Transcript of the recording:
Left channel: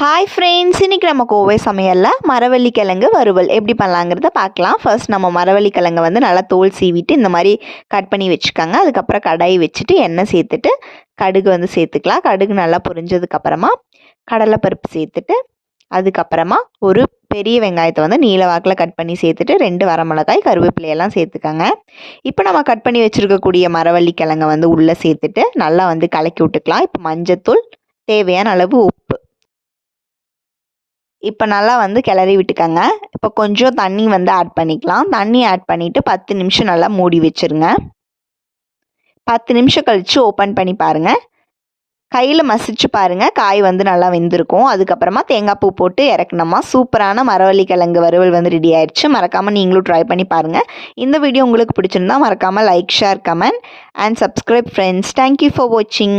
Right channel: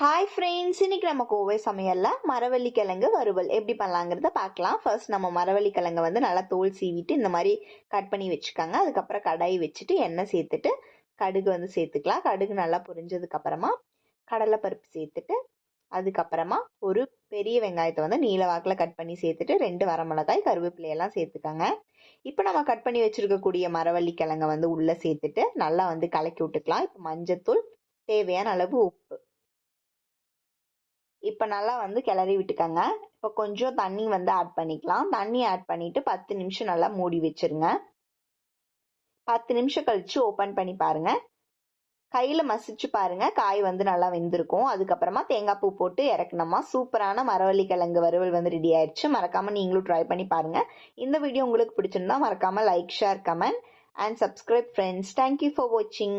Hi friends, இன்றைக்கி நம்ம கோவை சமையலில் மரவள்ளி கிழங்கு வறுவல் எப்படி பண்ணலாங்கிறத பார்க்கலாம். ஃபர்ஸ்ட் நம்ம மரவள்ளி கிழங்கை வந்து நல்லா தோல் சீவிட்டு இந்த மாதிரி கட் பண்ணி வச்சுக்கோங்க. அதுக்கப்புறம் கடாய் வச்சுட்டு எண்ணெய் சேர்த்துட்டு கடுகு வந்து சேர்த்துக்கலாம். கடுகு நல்லா பொரிஞ்சதுக்கப்புறமா கடலைப்பருப்பு சேர்த்துட்டு அதுக்கப்புறமா ஒரு பெரிய வெங்காயத்தை வந்து நீல வாக்கில் கட் பண்ணி சேர்த்துட்டு 2 வரமிளகாய் கருவேப்பிலையெல்லாம் சேர்த்துக்கோங்க. இப்போ நம்ம கட் பண்ணி வச்சுருக்கக்கூடிய மரவள்ளி கிழங்கை வந்து உள்ளே சேர்த்துட்டு நல்லா வந்து கலக்கி விட்டுக்கலாம். இப்போ மஞ்சத்தூள், தேவையான அளவு உப்பு, இப்போ நல்லா வந்து கிளறி விட்டுக்கோங்க. இப்போ கொஞ்சம் தண்ணி வந்து ஆட் பண்ணிக்கலாம். தண்ணி ஆட் பண்ணிவிட்டு 10 நிமிஷம் நல்லா மூடி வச்சுருங்க. 10 நிமிஷம் கழித்து ஓப்பன் பண்ணி பாருங்கள். கையில் மசிச்சு பாருங்கள், காய் வந்து நல்லா வெந்திருக்கும். அதுக்கப்புறமா தேங்காய் பூ போட்டு இறக்குனோமா சூப்பரான மரவள்ளி கிழங்கு வறுவல் வந்து ரெடி ஆயிடுச்சு. மறக்காமல் நீங்களும் ட்ரை பண்ணி பாருங்கள். இந்த வீடியோ உங்களுக்கு பிடிச்சிருந்தா மறக்காமல் like, share, comment and subscribe friends. Thank you for வாட்சிங்.